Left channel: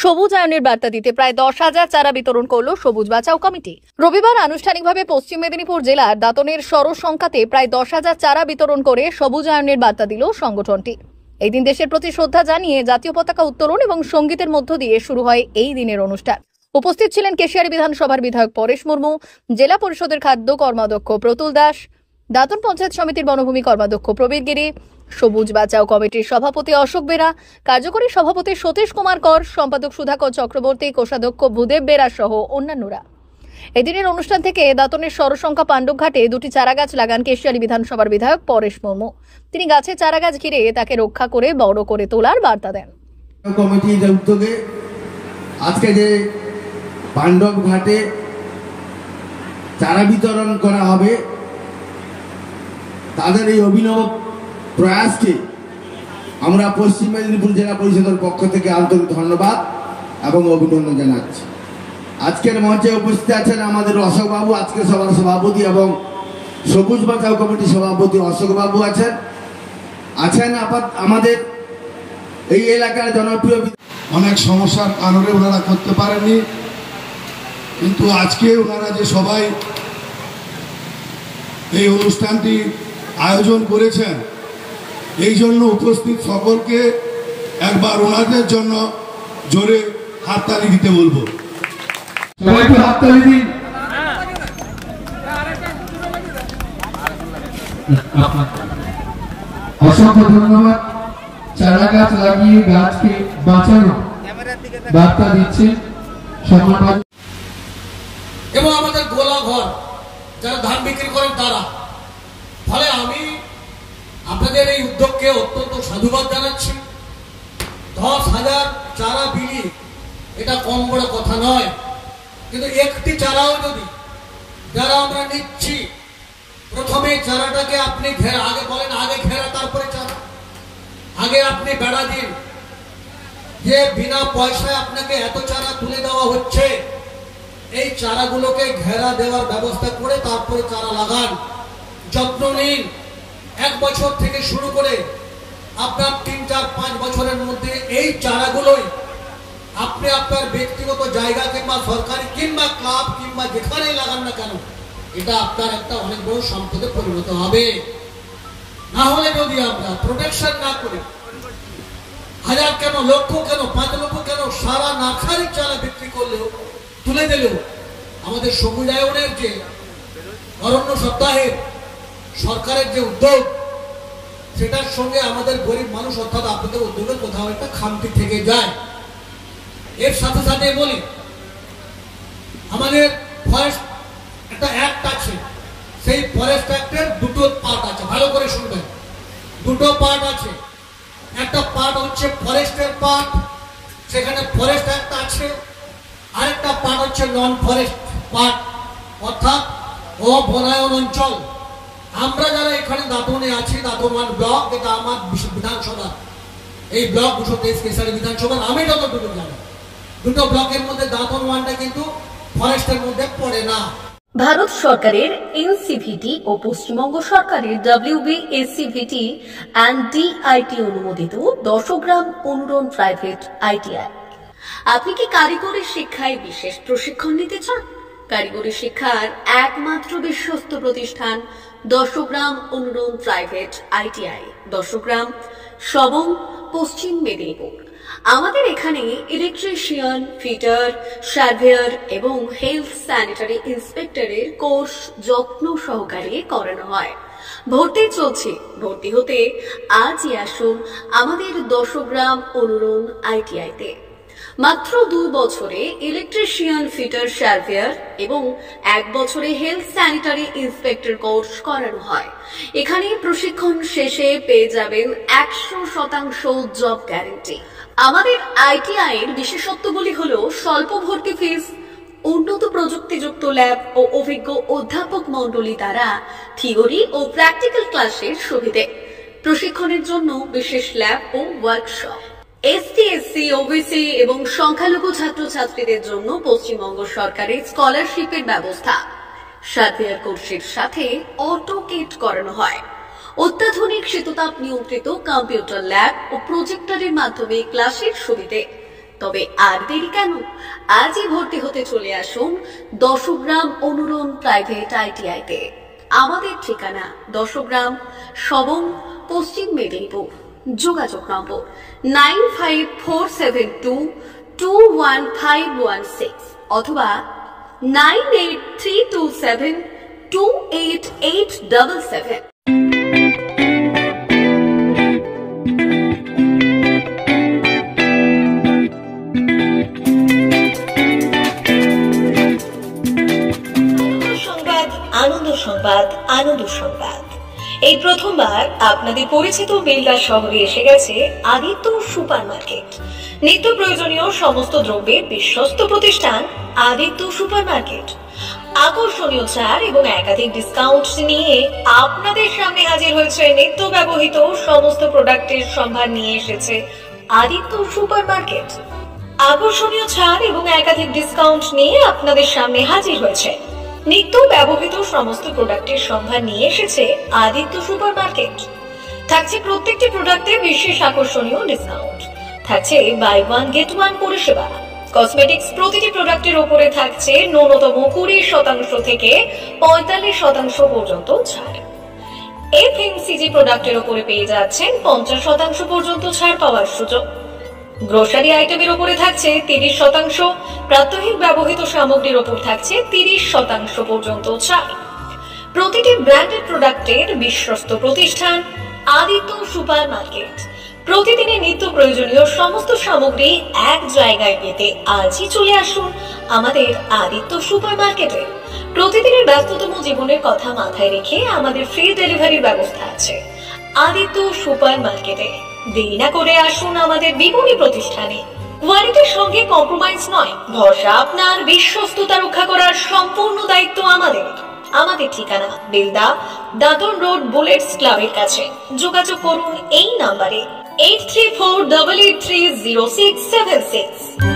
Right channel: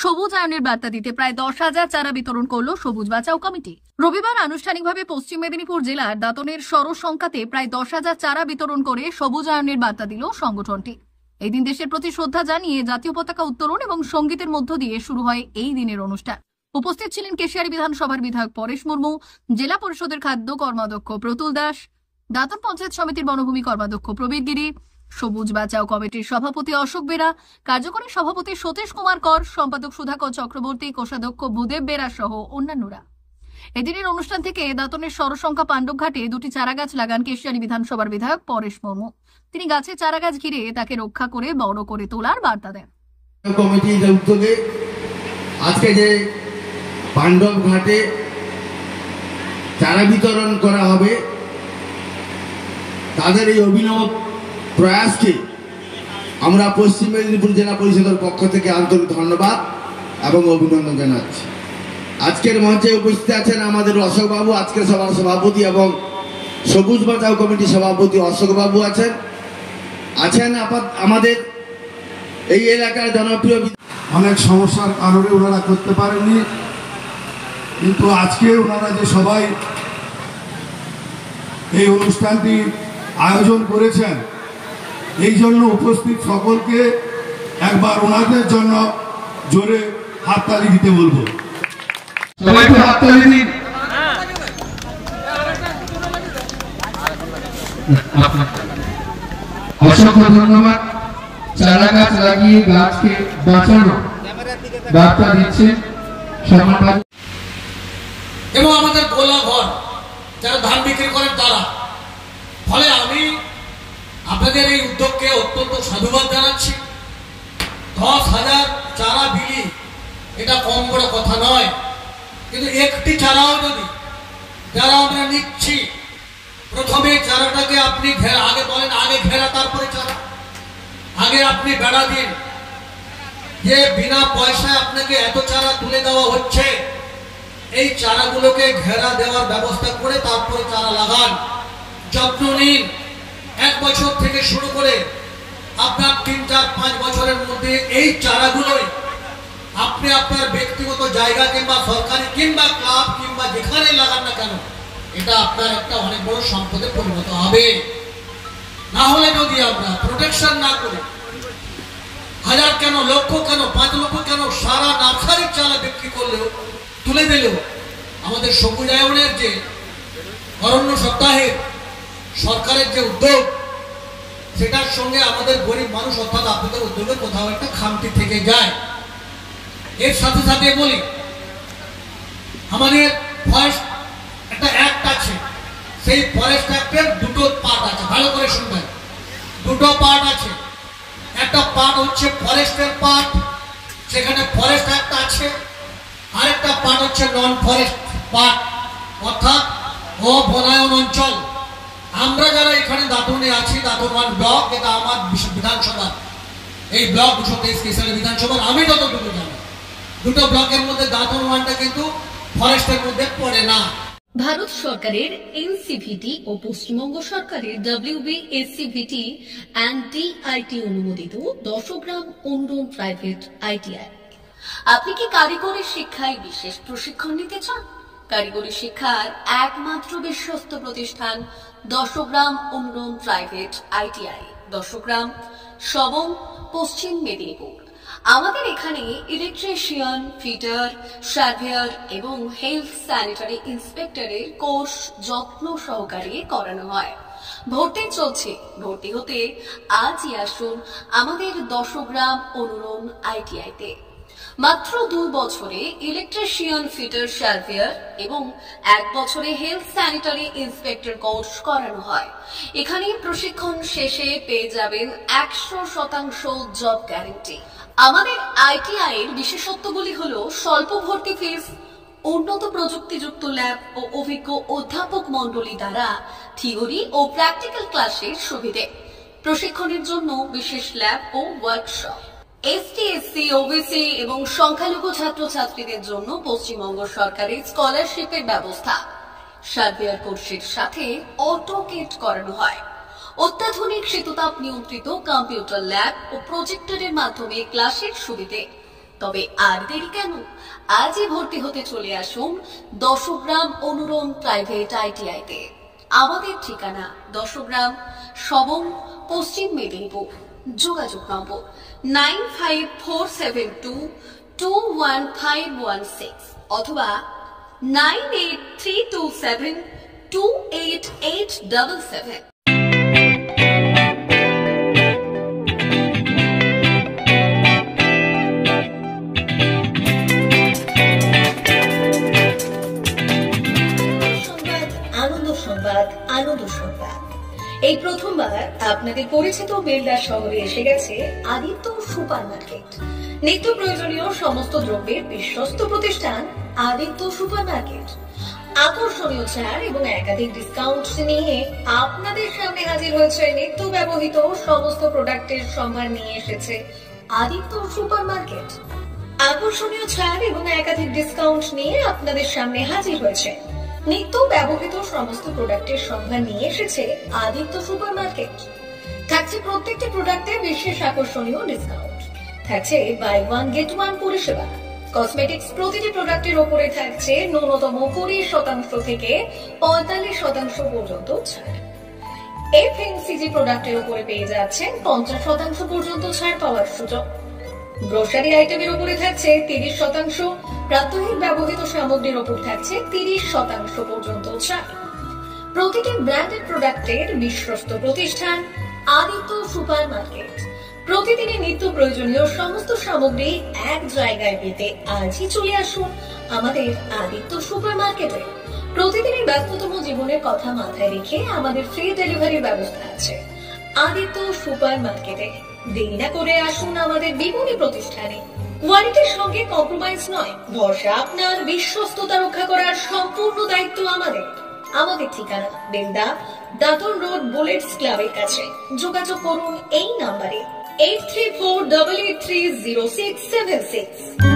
সবুজায়নের বার্তা দিতে প্রায় 10,000 চারা বিতরণ করল সবুজ বাঁচাও কমিটি। রবিবার আনুষ্ঠানিকভাবে পশ্চিম মেদিনীপুর জেলার দাঁতনের সরসংখ্যাতে প্রায় 10,000 চারা বিতরণ করে সবুজায়নের বার্তা দিল সংগঠনটি। এই দিন দেশের প্রতি শ্রদ্ধা জানিয়ে জাতীয় পতাকা উত্তোলন এবং সঙ্গীতের মধ্য দিয়ে শুরু হয় এই দিনের অনুষ্ঠান। উপস্থিত ছিলেন কেশিয়ারি বিধানসভার বিধায়ক পরেশ মুর্মু, জেলা পরিষদের খাদ্য কর্মাধ্যক্ষ প্রতুল দাস, দাঁতন পঞ্চায়েত সমিতির বনভূমি কর্মাধ্যক্ষ প্রবীর গিরি, সবুজ বাঁচাও কমিটির সভাপতি অশোক বেরা, কার্যকরী সভাপতি সতীশ কুমার কর, সম্পাদক সুধাকর চক্রবর্তী, কোষাধ্যক্ষ ভূদেব বেরা সহ অন্যান্যরা। এদিনের অনুষ্ঠান থেকে দাঁতনের সরসংখ্যা পাণ্ডবঘাটে 2টি চারা গাছ লাগান কেশিয়ারি বিধানসভার বিধায়ক পরেশ মুর্মু। তিনি গাছে চারা গাছ ঘিরে তাকে রক্ষা করে বড় করে তোলার বার্তা দেন। কমিটির উদ্যোগে আজকে যে পাণ্ডবঘাটে চারা বিতরণ করা হবে, তাদের এই অভিনব প্রয়াসকে আমরা পশ্চিম মেদিনীপুর জেলা পরিষদের পক্ষ থেকে আন্তরিক ধন্যবাদ এবং অভিনন্দন জানাচ্ছি। আজকের মঞ্চে উপস্থিত আছেন আমাদের অশোক বাবু, আজকের সভার সভাপতি, এবং সবুজ বাঁচাও কমিটির সভাপতি অশোক বাবু আছেন আমাদের এই এলাকার জনপ্রিয়। অনেক সমস্যার কারণে ওনারা করতে পারেননি, কিন্তু আজকে ওনারা যে সবাই এই অনুষ্ঠানটি আয়োজন করেছেন, এই জন্য উপস্থিত সকলকে একবার ওনাদের জন্য জোরে হাততালি দিতে বলবো। সবাইকে হাততালি দিন। অসংখ্য ধন্যবাদ। চারা গাছ লাগিয়ে গাছকে বাঁচানো বার্তা দিচ্ছে এবং আমাদের গোলা ঘর যারা ধান বিক্রি করেন তারা। ফলে আমি আপনাদের এই উদ্যোগকে অত্যন্ত সাধুবাদ জানাচ্ছি। 10,000 চারা বিলি এটা কম বড় কথা নয়, কিন্তু একটি চারাও যদি যারা আমরা নিচ্ছি, প্রথমে চারাটাকে আপনি আগে বলেন, আগে ঘেরা তারপরে চারা, আগে আপনি বেড়া দিন যে বিনা পয়সায় আপনাকে এত চারা তুলে দেওয়া হচ্ছে, এই চারাগুলোকে ঘেরা দেওয়ার ব্যবস্থা করে তারপরে চারা লাগান, যত্ন নিন। 1 বছর থেকে শুরু করে আপনার 3, 4, 5 বছরের মধ্যে এই চারাগুলোই আপনি আপনার ব্যক্তিগত জায়গা কিংবা সরকারি কিংবা ক্লাব কিংবা যেখানে লাগান না কেন, এটা আপনার একটা অনেক বড় সম্পদে পরিণত হবে। না হলে যদি আমরা প্রোটেকশন না করি, 1000 কেন, লক্ষ কেন, 5 লক্ষ কেন, সারা নার্সারির চারা বিক্রি করলেও তুলে দিলেও আমাদের সবুজায়নের যে অরণ্য সপ্তাহের সরকারের যে উদ্যোগ, সেটার সঙ্গে আমাদের গরিব মানুষ অর্থাৎ আপনাদের উদ্যোগের কোথাও একটা খামতি থেকে যায়। এর সাথে সাথে বলি, আমাদের ফরেস্ট একটা অ্যাক্ট আছে, সেই ফরেস্ট অ্যাক্টের 2টো পার্ট আছে, ভালো করে শুনবেন। 2টো পার্ট আছে। একটা পার্ট হচ্ছে ফরেস্টের পার্ট, সেখানে ফরেস্ট অ্যাক্ট আছে। আরেকটা পার্ট হচ্ছে নন ফরেস্ট পার্ট, অর্থাৎ অবনায়ন অঞ্চল। আমরা যারা এখানে দাঁতনে আছি, দাঁতন 1 ব্লক, এটা আমার বিধানসভা, এই ব্লক 223 কেশিয়ারি বিধানসভার আমি যতটুকু জানি, 2টো ব্লকের মধ্যে দাঁতন 1টা কিন্তু ফরেস্টের মধ্যে পড়ে না। ভারত সরকারের এনসিভিটি ও পশ্চিমবঙ্গ সরকারের WBSCVT অ্যান্ড DIT অনুমোদিত 10 গ্রাম অনুরণ প্রাইভেট ITI। আপনি কি কারিগরি শিক্ষায় বিশেষ প্রশিক্ষণ নিতে চান? কারিগরি শিক্ষার একমাত্র বিশ্বস্ত প্রতিষ্ঠান 10 গ্রাম অনুরণ প্রাইভেট ITI, 10 গ্রাম, সবং, পশ্চিম মেদিনীপুর। আমাদের এখানে ইলেকট্রিশিয়ান, ফিটার, সার্ভেয়ার এবং হেলথ স্যানিটারি ইন্সপেক্টরের কোর্স যত্ন সহকারে করানো হয়। ভর্তি চলছে। ভর্তি হতে আজই আসুন আমাদের 10 গ্রাম অনুরণ ITI-তে। মাত্র 2 বছরে ইলেকট্রিশিয়ান, ফিটার, সার্ভেয়ার এবং 1 বছরে হেলথ স্যানিটারি ইন্সপেক্টর কোর্স করানো হয়। এখানে প্রশিক্ষণ শেষে পেয়ে যাবেন 100% জব গ্যারান্টি। আমাদের ITI এর বিশেষত্বগুলি হলো স্বল্প ভর্তি ফিস, উন্নত প্রযুক্তিযুক্ত ল্যাব ও অভিজ্ঞ অধ্যাপক মণ্ডলী দ্বারা থিওরি ও প্র্যাকটিক্যাল ক্লাসের সুবিধে, প্রশিক্ষণের জন্য বিশেষ ল্যাব ও ওয়ার্কশপ, ST, SC, OBC এবং সংখ্যালঘু ছাত্রছাত্রীদের জন্য পশ্চিমবঙ্গ সরকারের স্কলারশিপের ব্যবস্থা। সার্ভেয়ার কোর্সের সাথে অটোকেট করানো হয়। অত্যাধুনিক শীততাপ নিয়ন্ত্রিত কম্পিউটার ল্যাব ও প্রজেক্টরের মাধ্যমে ক্লাসের সুবিধে। তবে আর দেরি কেন, আজই ভর্তি হতে চলে আসুন দশগ্রাম অনুরণ প্রাইভেট আইটিআইতে। আমাদের ঠিকানা দশগ্রাম, সবং, পশ্চিম মেদিনীপুর। যোগাযোগ নম্বর 9547221516 অথবা 9832728877। আনন্দ সংবাদ, আনন্দ সংবাদ। এই প্রথমবার আপনাদের পরিচিত বেলদা শহরে এসে গেছে আদিত্য সুপার মার্কেট। নিত্য প্রয়োজনীয় সমস্ত দ্রব্যের বিশ্বস্ত প্রতিষ্ঠান আদিত্য সুপার মার্কেট। আকর্ষণীয় ছাড় এবং একাধিক ডিসকাউন্ট নিয়ে আপনাদের সামনে হাজির হয়েছে। নিত্য ব্যবহৃত সমস্ত প্রোডাক্টের সম্ভার নিয়ে এসেছে আদিত্য সুপার মার্কেট। আকর্ষণীয় ছাড় এবং একাধিক ডিসকাউন্ট নিয়ে আপনাদের সামনে হাজির হয়েছে। নিত্য ব্যবহৃত সমস্ত প্রোডাক্টের সম্ভার নিয়ে এসেছে আদিত্য সুপার মার্কেট। থাকছে প্রত্যেকটি প্রোডাক্টে বিশেষ আকর্ষণীয় ডিসকাউন্ট। থাকছে বাই ওয়ান গেট ওয়ান পরিষেবা। কসমেটিক্স প্রতিটি প্রোডাক্টের উপরে থাকছে ন্যূনতম 20% থেকে 45% পর্যন্ত ছাড়। এফএমসিজি প্রোডাক্টের উপরে পেয়ে যাচ্ছেন 50% পর্যন্ত ছাড় পাওয়ার সুযোগ। গ্রোসারি আইটেমের উপরে থাকছে 30%, প্রাত্যহিক ব্যবহৃত সামগ্রীর উপর থাকছে 30% পর্যন্ত ছাড়। প্রতিটি ব্র্যান্ডেড প্রোডাক্টের বিশ্বস্ত প্রতিষ্ঠান আদিত্য সুপার মার্কেট। প্রতিদিনের নিত্য প্রয়োজনীয় সমস্ত সামগ্রী এক জায়গায় পেতে আজই চলে আসুন আমাদের আদিত্য সুপার মার্কেটে। প্রতিদিনের ব্যস্ততম জীবনের কথা মাথায় রেখে আমাদের ফ্রি ডেলিভারির ব্যবস্থা আছে আদিত্য সুপার মার্কেটে। দেরি না করে আসুন আমাদের বিপণী প্রতিষ্ঠানে। কোয়ালিটির সঙ্গে কম্প্রোমাইজ নয়, ভরসা আপনার, বিশ্বস্ততা রক্ষা করার সম্পূর্ণ দায়িত্ব আমাদের। আমাদের ঠিকানা বেলদা, দাদন রোড, বুলেটস ক্লাবের কাছে। যোগাযোগ করুন এই নাম্বারে 8348830676।